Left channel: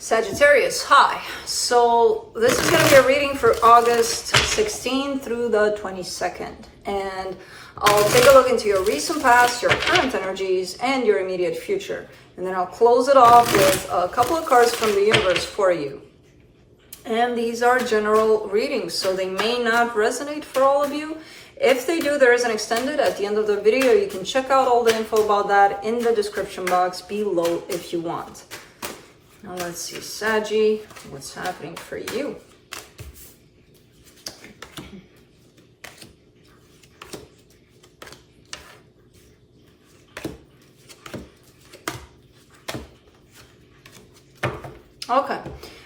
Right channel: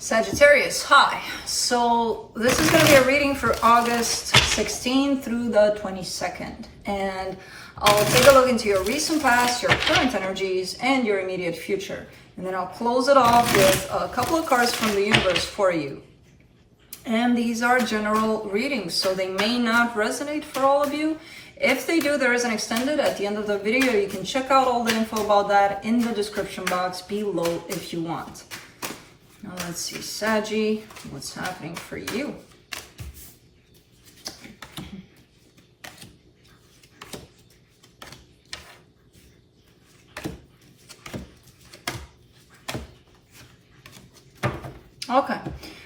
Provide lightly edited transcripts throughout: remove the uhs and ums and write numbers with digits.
Sagittarius, hi. So this is going to be a reading for August 16th through the 22nd. And I'll take a look into your recent past, your current energies, and your immediate future. And then I'll close it off with a couple of cards from the universe for you. And these are general readings, so they may not resonate for all of you. If they do, there is an extended at the end of the video. You can check out all the info about that in the description box below if you want. Now let's see, Saggy, what's happening for you? Okay,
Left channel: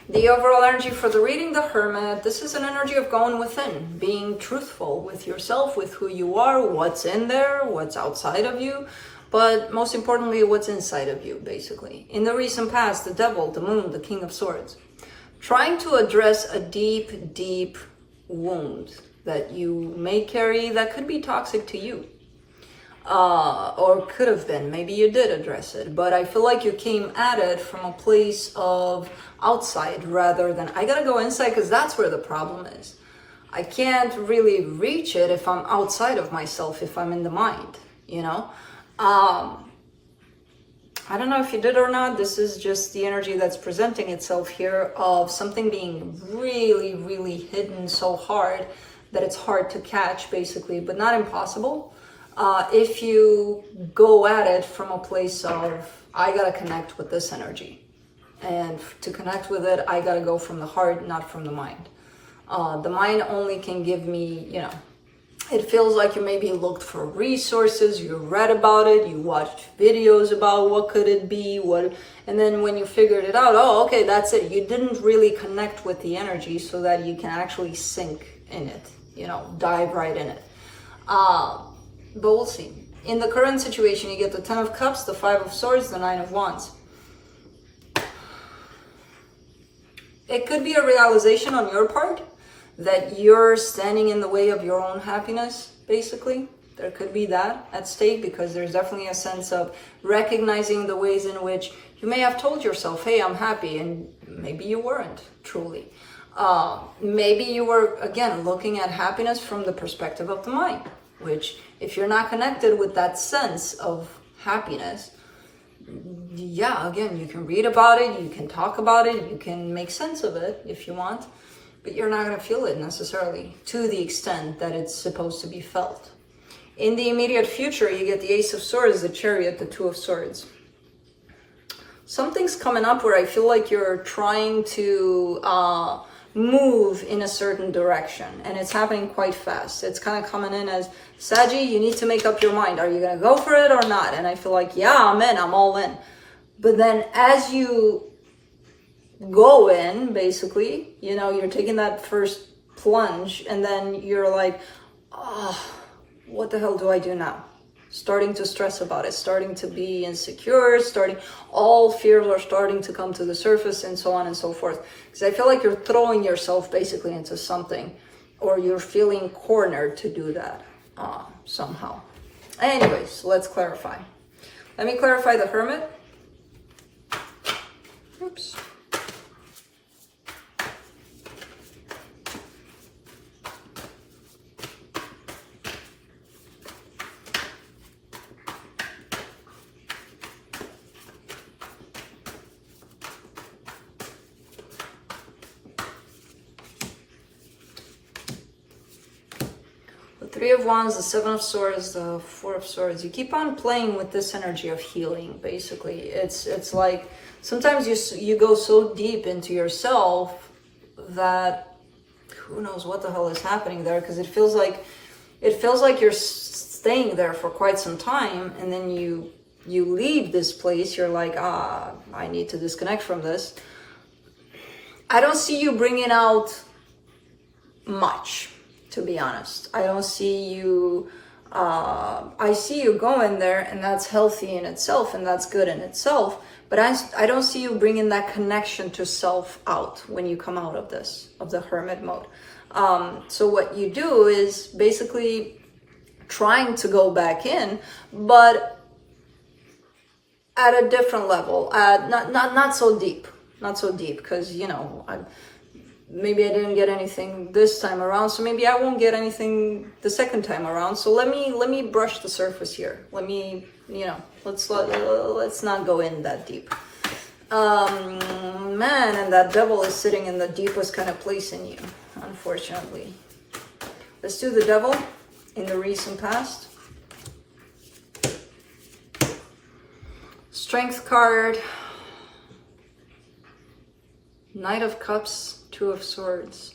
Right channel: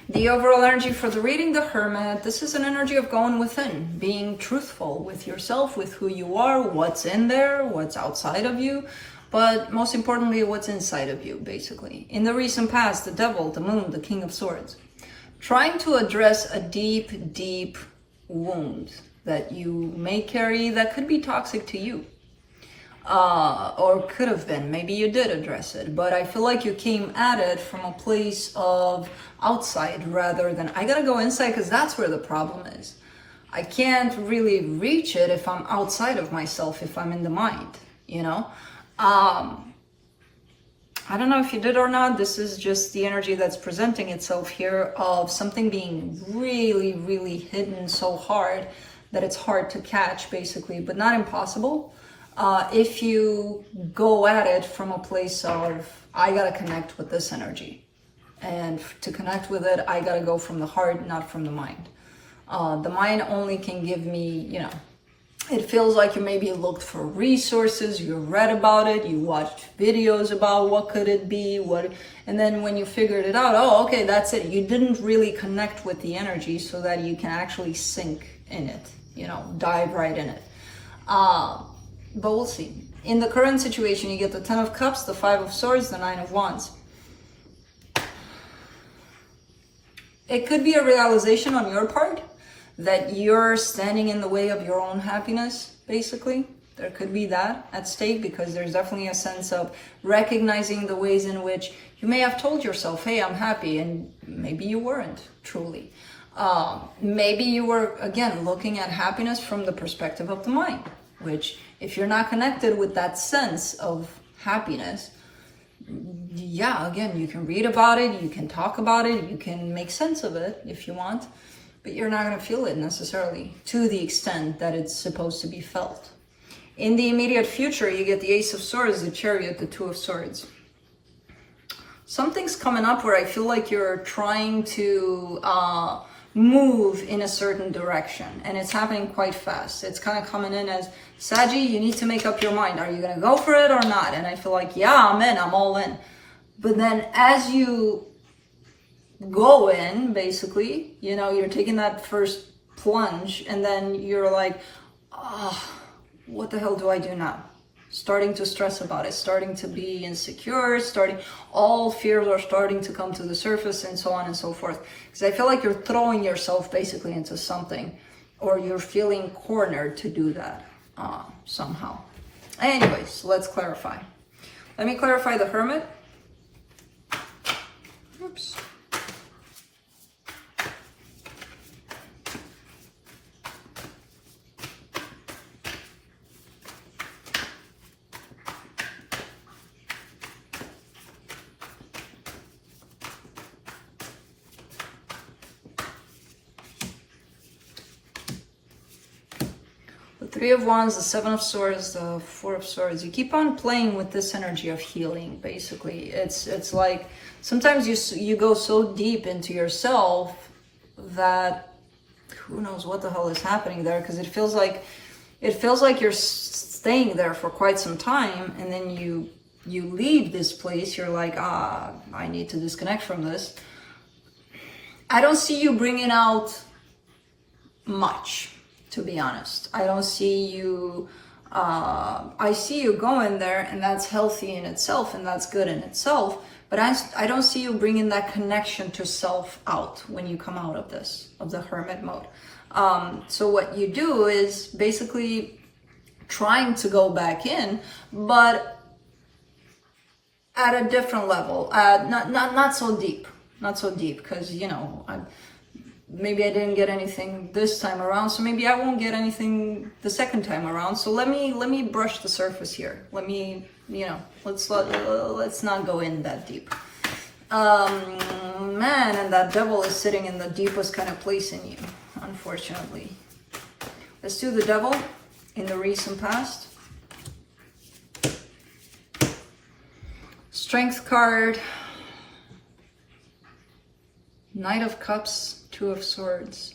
the overall energy for the reading, the Hermit. This is an energy of going within, being truthful with yourself, with who you are, what's in there, what's outside of you, but most importantly, what's inside of you, basically. In the recent past, the Devil, the Moon, the King of Swords. Trying to address a deep, deep wound that you may carry that could be toxic to you. Or could have been. Maybe you did address it, but I feel like you came at it from a place of outside rather than I gotta go inside, because that's where the problem is. I can't really reach it if I'm outside of myself, if I'm in the mind, you know? I don't know if you did or not. This is just the energy that's presenting itself here of something being really, really hidden so hard that it's hard to catch, basically, but not impossible. If you go at it from a place of, I gotta connect with this energy. And to connect with it, I gotta go from the heart, not from the mind. The mind only can give me, you know, it feels like you maybe looked for resources, you read about it, you watched videos about what could it be, and then when you figured it out, oh, okay, that's it. You didn't really connect with the energy so that you can actually sink in it, you know, dive right in it. But we'll see. In the current situation, you get the 10 of Cups, the 5 of Swords, the 9 of Wands. It could be a realization on your part that you're standing in the way of your own happiness, basically. There could be that at stake, because there's definitely a sense of recognizing the ways in which you may have told yourself, hey, I'm happy, and maybe you weren't truly. Maybe you were, again, looking at happiness from the perspective of the mind, which if you're not connected with that sense of happiness, yeah, again, you can read about it, you can talk about it, you can make sense of it if you want, but you're not going to feel it necessarily to the extent that it's supposed to be felt. In the immediate future, you get the Ace of Swords, the Chariot, the 2 of Swords. Something's coming up where I feel like you're trying to move in a certain direction, and it's happening quite fast. It's kind of coming in as, Saggy, you need to make up your mind. Are you going to go for it or not? And I feel like, yeah, I'm in, I'm all in. But then as you go in, basically, you know, you're taking that first plunge, and then you're like, oh, what the hell do I do now? Starting to stress about it, starting to be insecure, all fears are starting to come to the surface, and so on and so forth. Because I feel like you're throwing yourself basically into something, or you're feeling cornered to do that somehow. Anyways, let's clarify. Let me clarify the Hermit. Oops. The 3 of Wands, the 7 of Swords, the 4 of Swords. You keep on playing with this energy of healing, basically. It's like sometimes you go so deep into yourself that who knows what the hell is happening there, because it feels like you're staying there for quite some time, and then you leave this place. You're like, I need to disconnect from this. I don't see you bringing out much, to be honest. I don't see you, I see you going there, and that's healthy in itself, and that's good in itself, but I don't see you bringing that connection to self out when you come out of this, of the Hermit mode. So what you do is basically trying to go back in, but at a different level, not so deep, not so deep, because, you know, maybe I didn't get anything this time around, so maybe I won't get anything the second time around. So let me brush the surface here. Let me, you know, let's not go in that deep. Man, and that devil is sitting in the deepest kind of place in you, unfortunately. Let's do the devil in the recent past. Strength card, Knight of Cups, Two of Swords.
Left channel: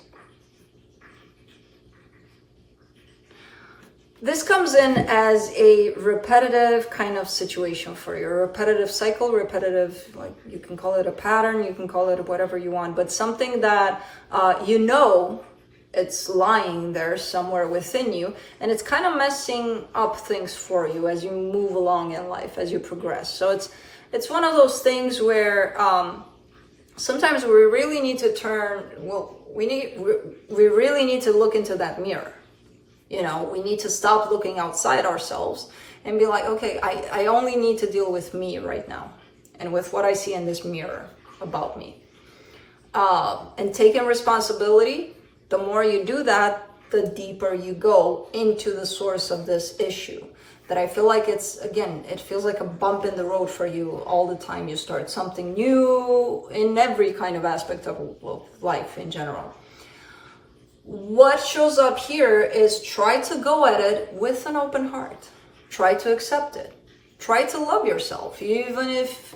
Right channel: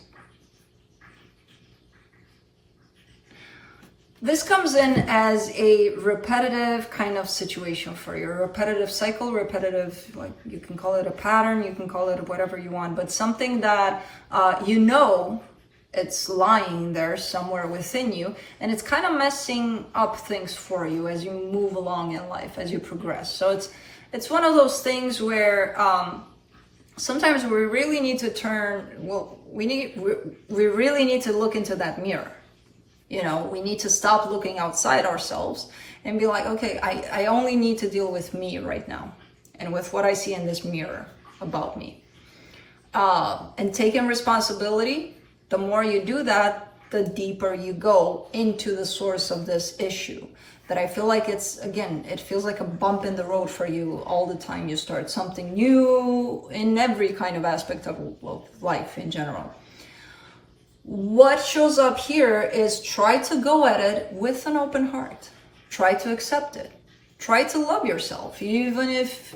This comes in as a repetitive kind of situation for you, a repetitive cycle, repetitive, like you can call it a pattern, you can call it whatever you want, but something that you know it's lying there somewhere within you, and it's kind of messing up things for you as you move along in life, as you progress. So it's one of those things where sometimes we really need to we really need to look into that mirror. You know, we need to stop looking outside ourselves and be like, okay, I only need to deal with me right now and with what I see in this mirror about me. And taking responsibility, the more you do that, the deeper you go into the source of this issue. That I feel like it feels like a bump in the road for you all the time you start something new in every kind of aspect of life in general. What shows up here is try to go at it with an open heart. Try to accept it. Try to love yourself, even if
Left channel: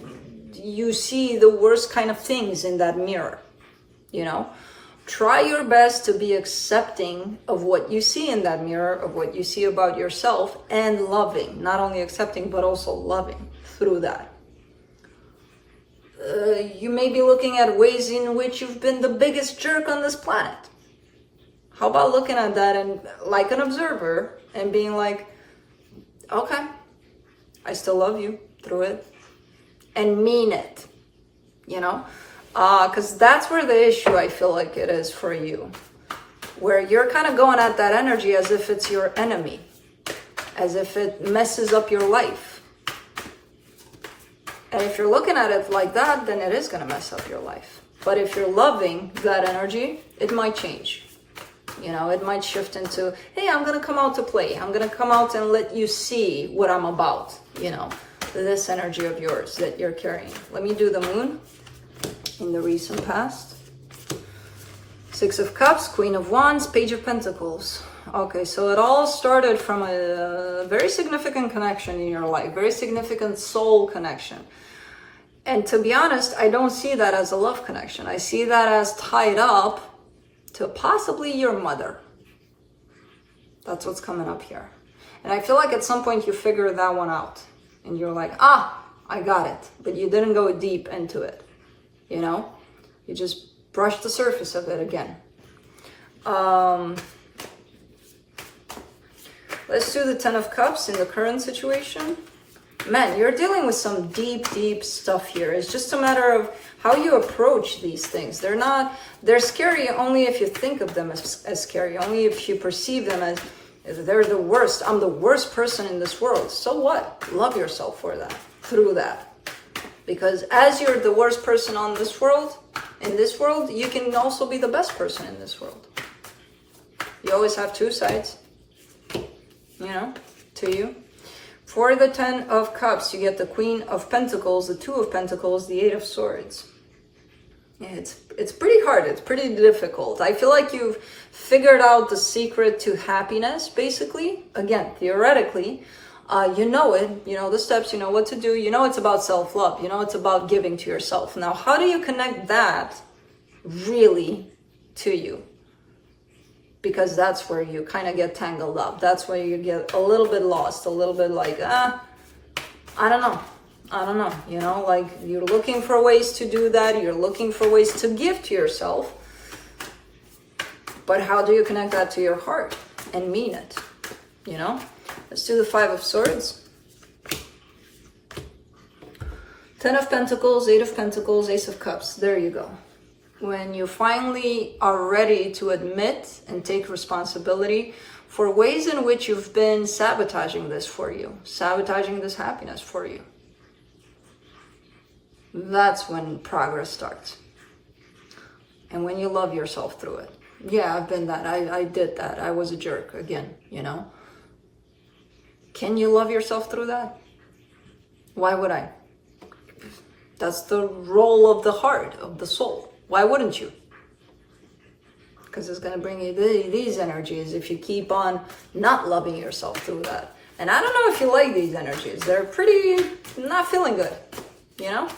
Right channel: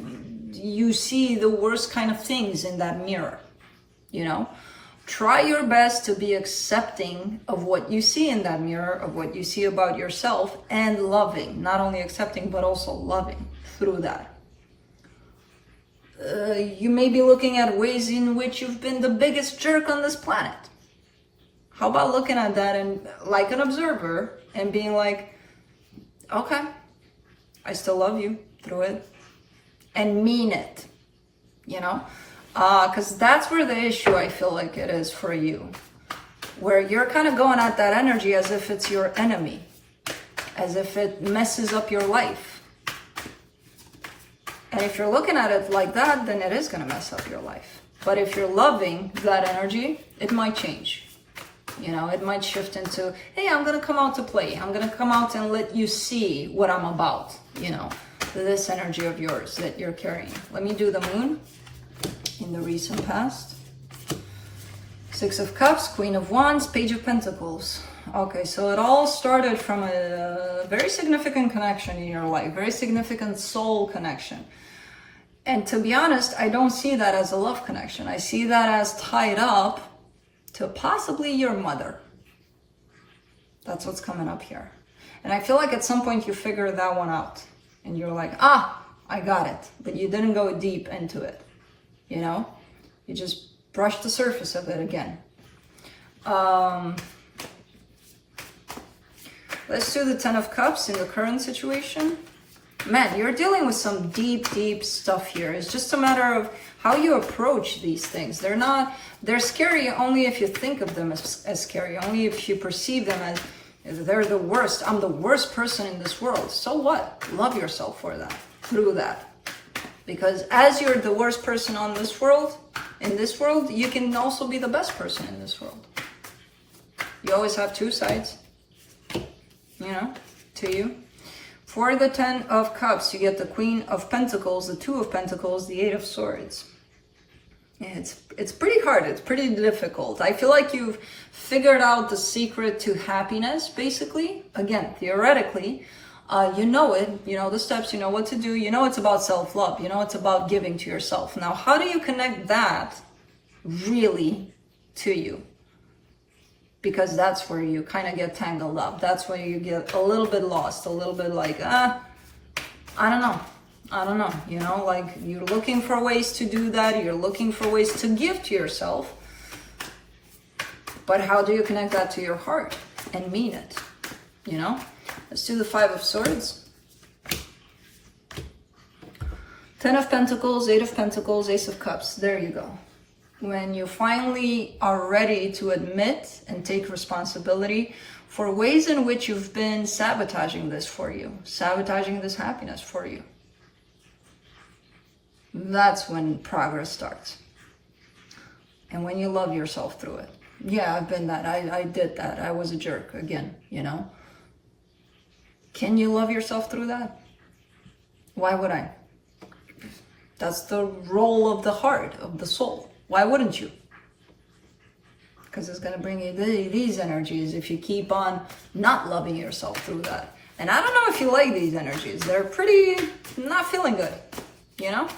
you see the worst kind of things in that mirror. You know, try your best to be accepting of what you see in that mirror, of what you see about yourself, and loving. Not only accepting, but also loving through that. You may be looking at ways in which you've been the biggest jerk on this planet. How about looking at that and like an observer and being like, okay, I still love you through it, and mean it, you know? Because that's where the issue I feel like it is for you, where you're kind of going at that energy as if it's your enemy, as if it messes up your life. And if you're looking at it like that, then it is going to mess up your life. But if you're loving that energy, it might change. You know, it might shift into, hey, I'm going to come out to play. I'm going to come out and let you see what I'm about, you know, this energy of yours that you're carrying. Let me do the moon in the recent past. Six of Cups, Queen of Wands, Page of Pentacles. Okay, so it all started from a very significant connection in your life, very significant soul connection. And to be honest, I don't see that as a love connection. I see that as tied up to possibly your mother. That's what's coming up here. And I feel like at some point you figured that one out. And you're like, I got it. But you didn't go deep into it. You know? You just brushed the surface of it again. Let's do the Ten of Cups in the current situation. Man, you're dealing with some deep, deep stuff here. It's just a matter of how you approach these things. They're scary only if you think of them as scary, only if you perceive them as they're the worst. I'm the worst person in this world. So what? Love yourself for that, through that. Because as you're the worst person in this world, you can also be the best person in this world. You always have two sides, you know, to you. For the Ten of Cups, you get the Queen of Pentacles, the Two of Pentacles, the Eight of Swords. Yeah, it's pretty hard. It's pretty difficult. I feel like you've figured out the secret to happiness, basically. Again, theoretically, you know it. You know the steps. You know what to do. You know it's about self-love. You know it's about giving to yourself. Now, how do you connect that really to you? Because that's where you kind of get tangled up. That's where you get a little bit lost, a little bit like, I don't know, you know, like you're looking for ways to do that. You're looking for ways to give to yourself. But how do you connect that to your heart and mean it, you know? Let's do the Five of Swords. Ten of Pentacles, Eight of Pentacles, Ace of Cups. There you go. When you finally are ready to admit and take responsibility for ways in which you've been sabotaging this for you, sabotaging this happiness for you. That's when progress starts. And when you love yourself through it. Yeah, I've been that. I did that. I was a jerk again, you know. Can you love yourself through that? Why would I? That's the role of the heart, of the soul. Why wouldn't you? Because it's going to bring you these energies if you keep on not loving yourself through that. And I don't know if you like these energies. They're pretty not feeling good, you know?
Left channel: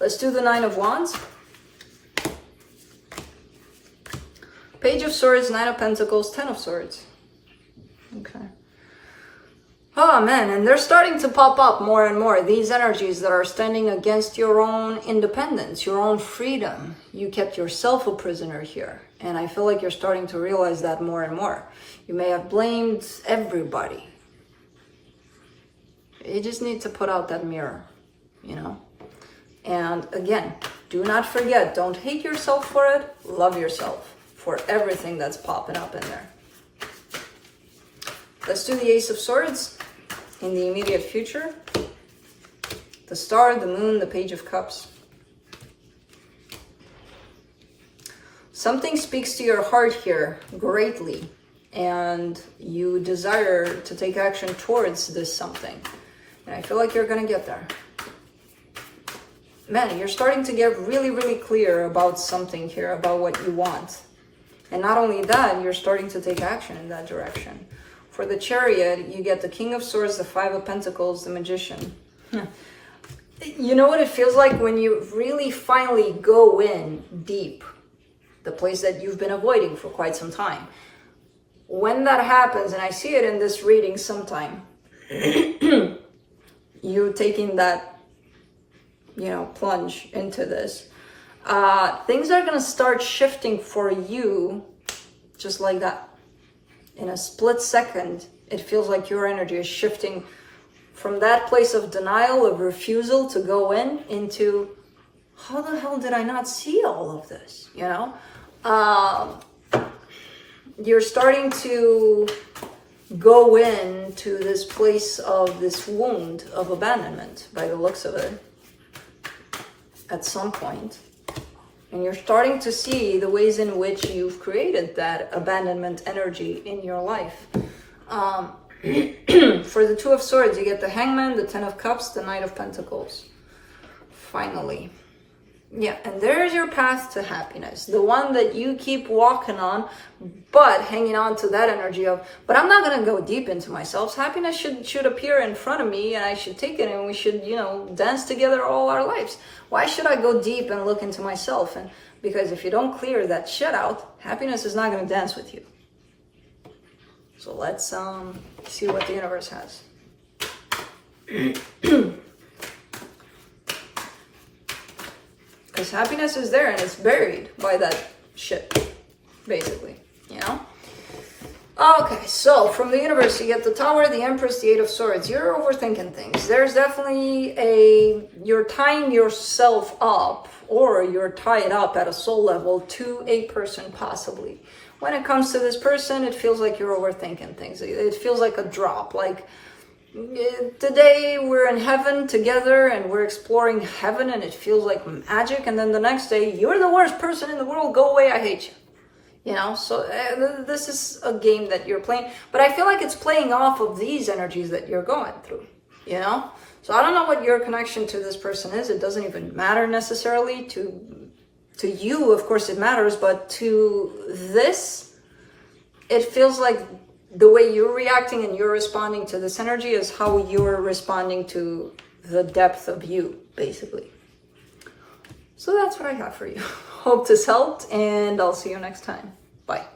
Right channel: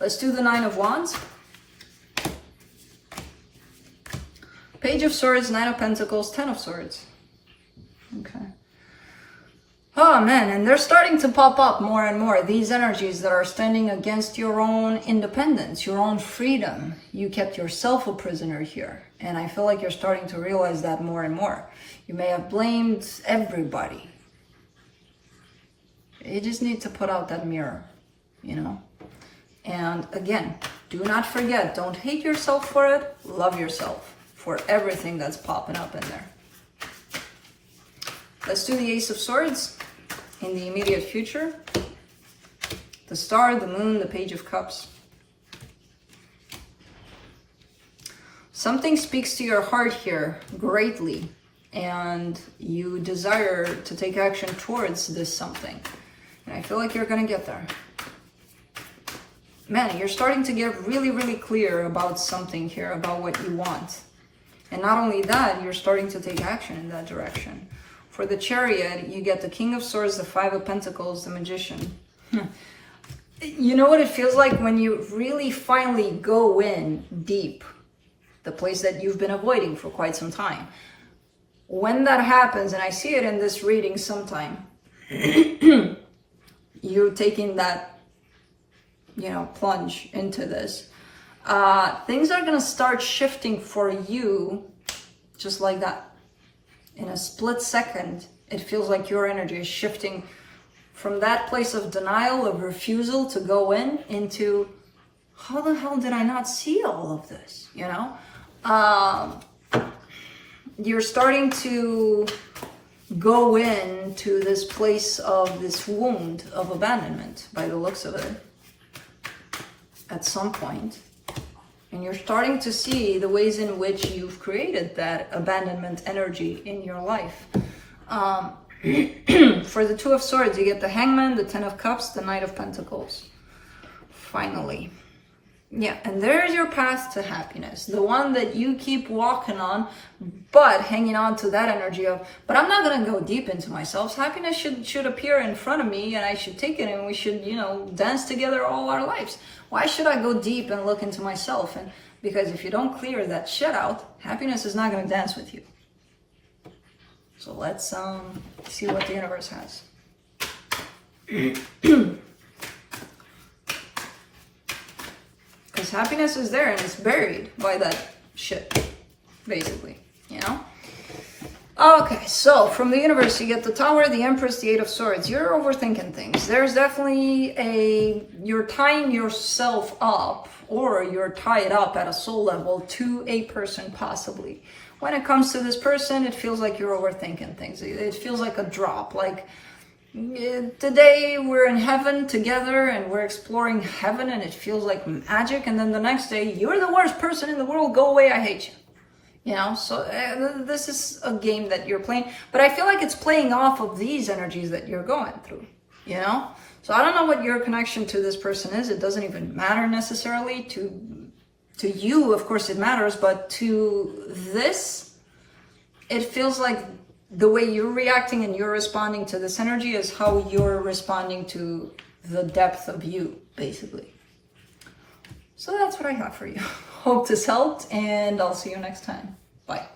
Let's do the Nine of Wands. Page of Swords, Nine of Pentacles, Ten of Swords. Okay. Oh man, and they're starting to pop up more and more. These energies that are standing against your own independence, your own freedom. You kept yourself a prisoner here. And I feel like you're starting to realize that more and more. You may have blamed everybody. You just need to put out that mirror, you know? And again, do not forget, don't hate yourself for it. Love yourself for everything that's popping up in there. Let's do the Ace of Swords in the immediate future. The Star, the Moon, the Page of Cups. Something speaks to your heart here greatly, and you desire to take action towards this something. And I feel like you're gonna get there. Man, you're starting to get really, really clear about something here, about what you want. And not only that, you're starting to take action in that direction. For the Chariot, you get the King of Swords, the Five of Pentacles, the Magician. You know what it feels like when you really finally go in deep, the place that you've been avoiding for quite some time. When that happens, and I see it in this reading sometime, you're taking that, you know, plunge into this. Things are going to start shifting for you just like that. In a split second, it feels like your energy is shifting from that place of denial, of refusal to go into, how the hell did I not see all of this? You know, you're starting to go into this place of this wound of abandonment by the looks of it at some point. And you're starting to see the ways in which you've created that abandonment energy in your life. For the Two of Swords, you get the Hangman, the Ten of Cups, the Knight of Pentacles. Finally. Yeah, and there's your path to happiness. The one that you keep walking on, but hanging on to that energy of, but I'm not going to go deep into myself. Happiness should appear in front of me, and I should take it, and we should, you know, dance together all our lives. Why should I go deep and look into myself? And because if you don't clear that shit out, happiness is not going to dance with you. So let's see what the universe has. Because happiness is there and it's buried by that shit, basically, you know? Okay, so from the universe, you get the Tower, the Empress, the Eight of Swords. You're overthinking things. There's definitely you're tying yourself up, or you're tied up at a soul level to a person, possibly. When it comes to this person, it feels like you're overthinking things. It feels like a drop, like, today we're in heaven together and we're exploring heaven and it feels like magic, and then the next day you're the worst person in the world, go away, I hate you. You know, so this is a game that you're playing, but I feel like it's playing off of these energies that you're going through, you know? So I don't know what your connection to this person is. It doesn't even matter necessarily to you. Of course it matters, but to this, it feels like the way you're reacting and you're responding to this energy is how you're responding to the depth of you, basically. So that's what I got for you. Hope this helped, and I'll see you next time. Bye.